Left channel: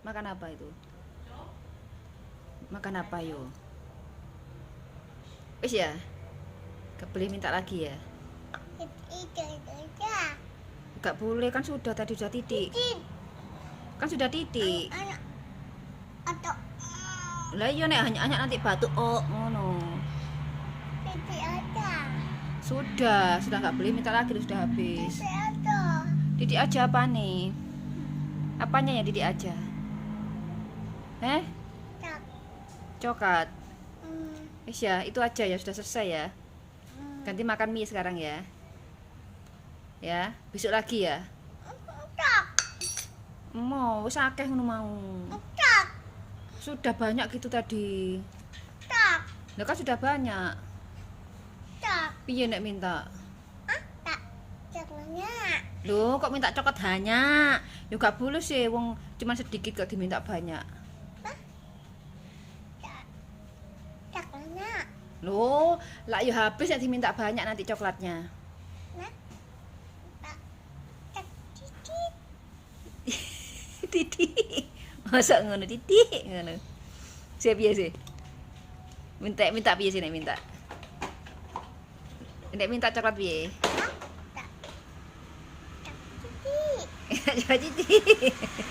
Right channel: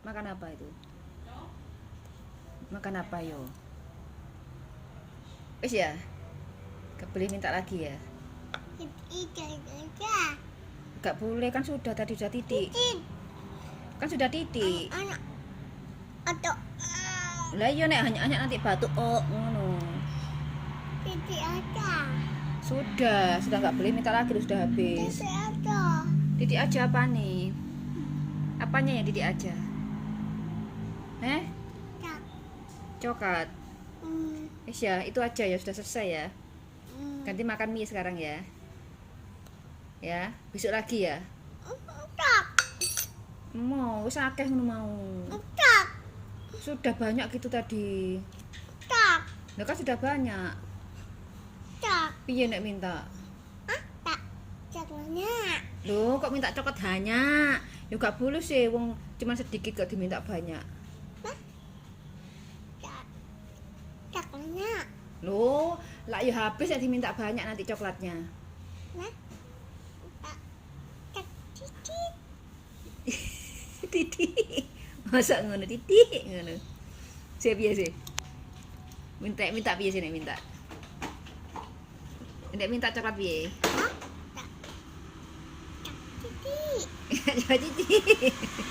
Makan apa itu? Makan apa yo? Wis ya? Gak boleh minta lagi ya? Gak boleh, kan sudah tadi sudah titik. Kan sudah titik. Atau Lah iya nek hanya nanti batuk ngono. titik aja. Sudah nggak boleh minta lagi, sudah habis. Titik aja. Titik aja apa nih? Apanya ya titik aja? Tak. Coklat. Wis ya, itu aja ya, sudah selesai ya. Ganti makan mie sekarang ya. Ya, besok lagi ya. Tak. Mau, wis akeh ngono mau. Tak. Sudah banyak gitu tadi. Tak. Ya kan sudah banyak. Tak. Piye nek minta? Tak. Jangannya. Loh, kok minta coklat banyak? Ya gak boleh sih, wong cuma sedikit kok diminta banyak. Jangannya. Loh, lah ya habis nek diminta banyak nanti coklatnya. Nah. Tak. Titik. Titik. Masa ngono titik ngono. Sik piye sih? Minta piye sih nek minta? Nek minta coklat piye? Tak. Tak. Titik. Titik.